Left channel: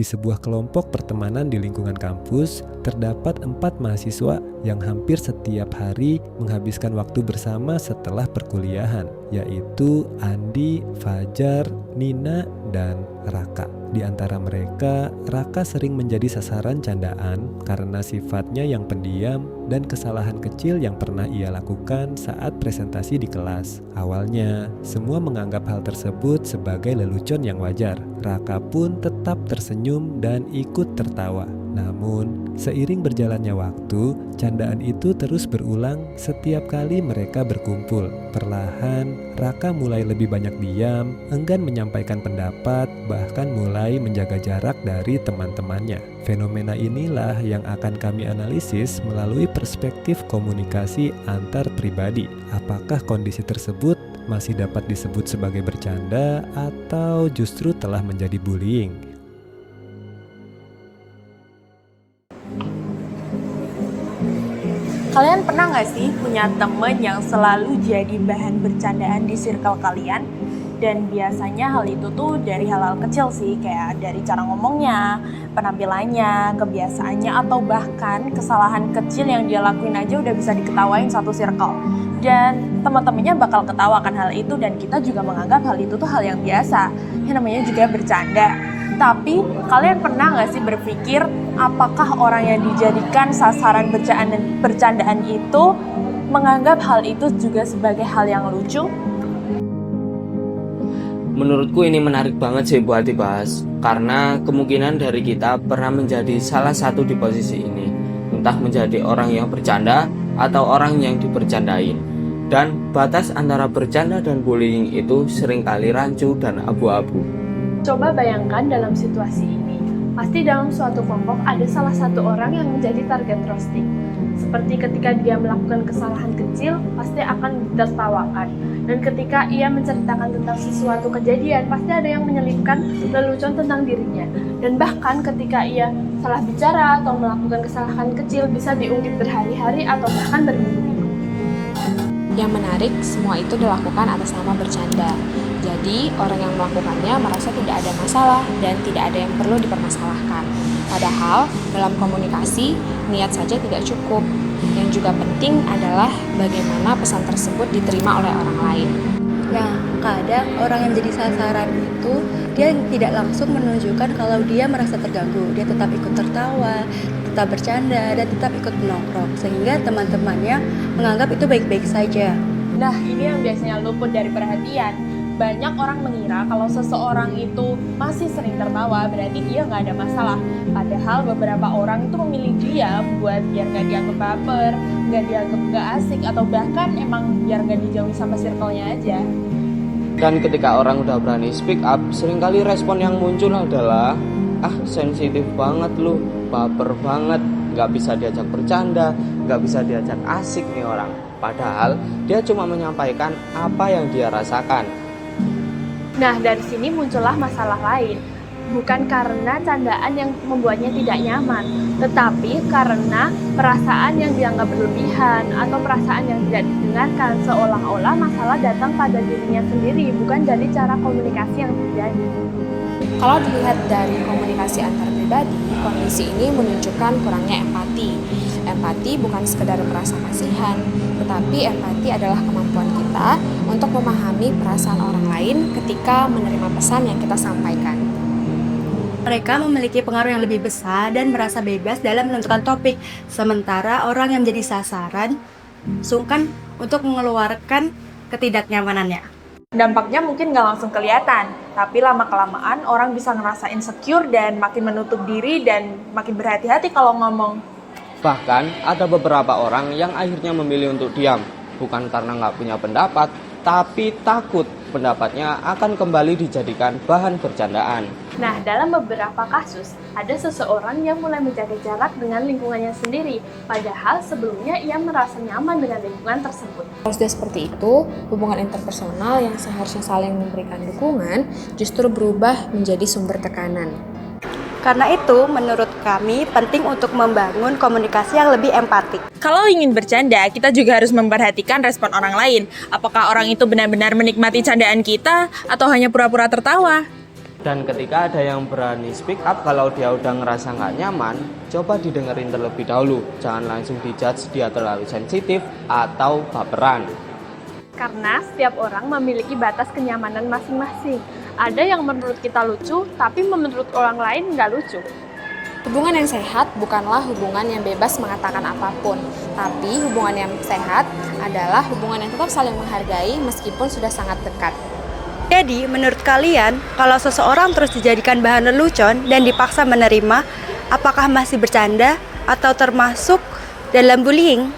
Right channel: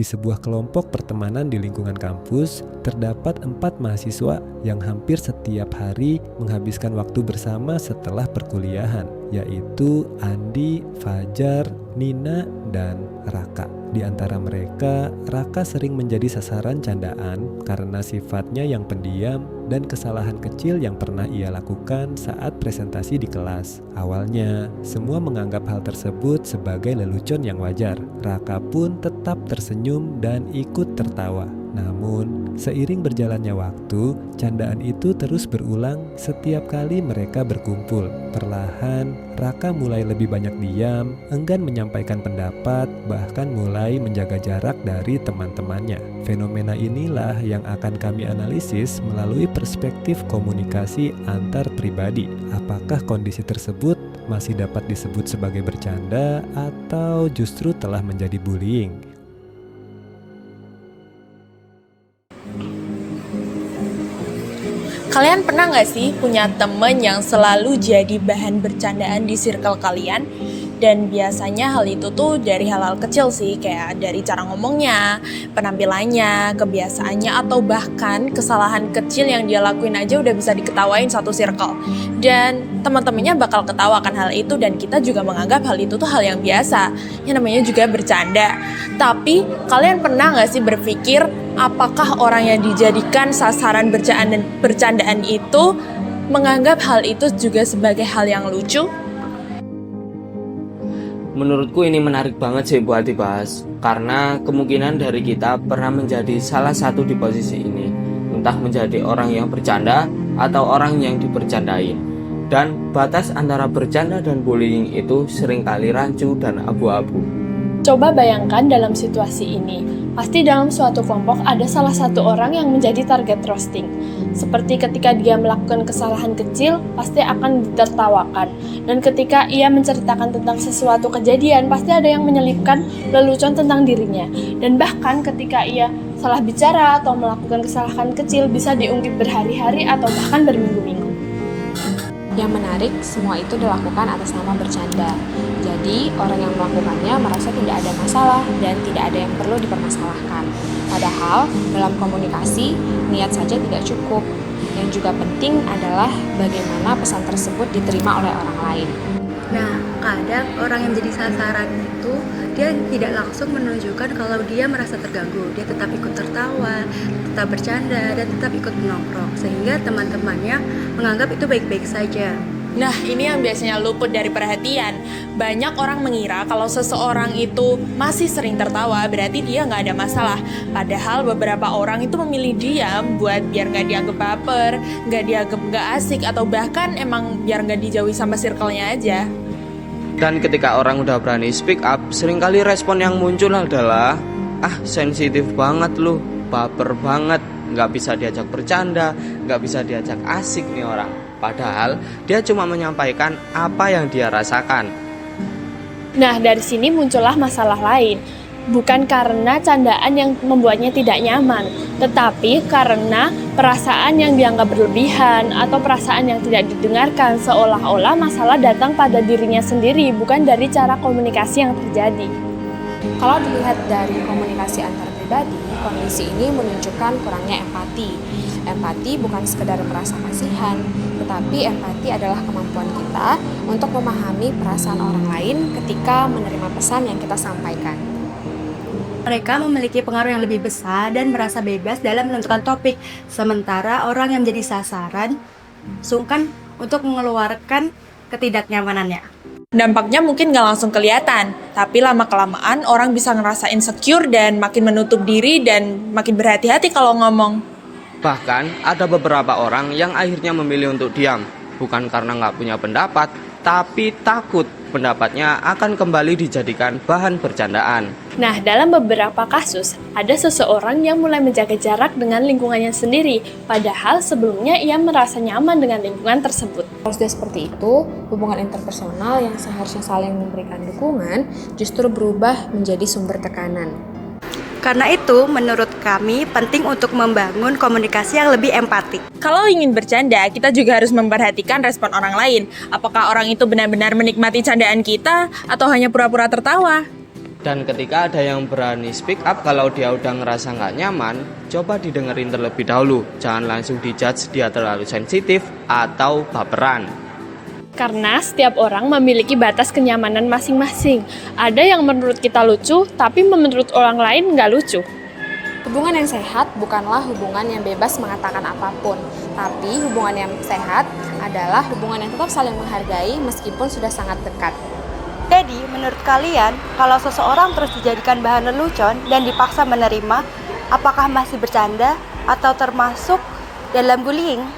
Di sebuah kelompok pertemanan di lingkungan kampus, terdapat 4 mahasiswa yang hampir setiap hari menghabiskan waktu bersama setelah perkuliahan, yaitu Andi, Fajar, Nina, dan Raka. Di antara mereka, Raka sering menjadi sasaran candaan karena sifatnya yang pendiam dan kesalahan kecil yang pernah ia lakukan saat presentasi di kelas. Awalnya, semua menganggap hal tersebut sebagai lelucon yang wajar. Raka pun tetap tersenyum dan ikut tertawa. Namun, seiring berjalannya waktu, candaan itu terus berulang setiap kali mereka berkumpul. Perlahan, Raka mulai lebih banyak diam, enggan menyampaikan pendapat, bahkan mulai menjaga jarak dari teman-temannya. Fenomena inilah yang akan kami analisis melalui perspektif komunikasi antar pribadi. Apakah kondisi tersebut masih dapat disebut sebagai bercanda atau justru telah menjadi bullying? Kalian pernah gak sih punya temen yang selalu jadi bahan bercandaan di circle kalian? Dan biasanya hal itu tuh dari hal-hal kecil sih, kayak dari cara ngomongnya, penampilannya, kebiasaannya, atau bahkan kesalahan kecil yang dia lakuin aja udah bisa diketawain satu circle. Dan teman-temannya bakal ketawakan hal itu, dan kita juga menganggap hal itu tuh hal yang biasa, yang namanya juga bercanda. Tapi kalian pernah gak sih berpikir apakah orang yang dijadikan sasaran bercandaan itu menganggap hal itu juga sebagai hal yang lucu? Menurutku ini menarik banget sih buat dibahas, karena kemungkinan dari kita pernah menjadi salah satu di posisi ini, entah menjadi orang yang bercanda atau orang yang dibercandain. Dan batas antara bercanda dan bullying itu seringkali rancu dan abu-abu. Coba bayangkan dalam situasi ini, pasti dalam suatu kelompok ada salah satu orang yang menjadi target roasting. Seperti ketika dia melakukan kesalahan kecil, pasti akan ditertawakan. Dan ketika ia menceritakan tentang sesuatu kejadian, pasti ada yang menyelipkan lelucon tentang dirinya. Dan bahkan ketika ia salah bicara atau melakukan kesalahan kecil, bisa diungkit berhari-hari atau bahkan berminggu-minggu. Yang menarik, semua itu dilakukan atas nama bercanda. Jadi, orang yang melakukannya merasa tidak ada masalah dan tidak ada yang perlu dipermasalahkan. Padahal, dalam komunikasi, niat saja tidak cukup. Yang juga penting adalah bagaimana pesan tersebut diterima oleh orang lain. Nah, kadang orang yang jadi sasaran itu, dia tidak langsung menunjukkan kalau dia merasa terganggu. Dia tetap ikut tertawa, tetap bercanda, dan tetap ikut menongkrong. Sehingga teman-temannya menganggap itu baik-baik saja. Nah, ini yang biasanya luput dari perhatian. Banyak orang mengira kalau seseorang itu masih sering tertawa, berarti dia nggak ada masalah. Padahal beberapa orang itu memilih diam buat biar nggak dianggap baper, nggak dianggap nggak asik, atau bahkan emang biar nggak dijauhi sama circle-nya aja. Dan ketika orang udah berani speak up, seringkali respon yang muncul adalah sensitif banget lu, baper banget, nggak bisa diajak bercanda, nggak bisa diajak asik nih orang. Padahal dia cuma menyampaikan apa yang dia rasakan. Nah, dari sini muncullah masalah lain. Bukan karena candaan yang membuatnya tidak nyaman, tetapi karena perasaan yang dianggap berlebihan atau perasaan yang tidak didengarkan, seolah-olah masalah datang pada dirinya sendiri, bukan dari cara komunikasi yang terjadi. Kalau dilihat dari komunikasi antar pribadi, kondisi ini menunjukkan kurangnya empati. Empati bukan sekedar merasa kasihan, tetapi empati adalah kemampuan kita untuk memahami perasaan orang lain ketika menerima pesan yang kita sampaikan. Mereka memiliki pengaruh yang lebih besar dan merasa bebas dalam menentukan topik, sementara orang yang menjadi sasaran sungkan untuk mengeluarkan ketidaknyamanannya. Dampaknya mungkin nggak langsung kelihatan, tapi lama-kelamaan orang bisa ngerasa insecure dan makin menutup diri dan makin berhati-hati kalau ngomong. Bahkan ada beberapa orang yang akhirnya memilih untuk diam, bukan karena nggak punya pendapat, tapi takut pendapatnya akan kembali dijadikan bahan bercandaan. Nah, dalam beberapa kasus, ada seseorang yang mulai menjaga jarak dengan lingkungannya sendiri, padahal sebelumnya ia merasa nyaman dengan lingkungan tersebut. Kalau sudah seperti itu, hubungan interpersonal yang seharusnya saling memberikan dukungan justru berubah menjadi sumber tekanan. Karena itu, menurut kami penting untuk membangun komunikasi yang lebih empatik. Kalau ingin bercanda, kita juga harus memperhatikan respon orang lain. Apakah orang itu benar-benar menikmati candaan kita atau hanya pura-pura tertawa? Dan ketika ada yang berani speak up kalau dia udah ngerasa nggak nyaman, coba didengerin terlebih dahulu. Jangan langsung dijudge dia terlalu sensitif atau baperan. Karena setiap orang memiliki batas kenyamanan masing-masing. Ada yang menurut kita lucu, tapi menurut orang lain nggak lucu. Hubungan yang sehat bukanlah hubungan yang bebas mengatakan apapun, tapi hubungan yang sehat adalah hubungan yang tetap saling menghargai meskipun sudah sangat dekat. Jadi, menurut kalian, kalau seseorang terus dijadikan bahan lelucon dan dipaksa menerima, apakah masih bercanda atau termasuk dalam bullying?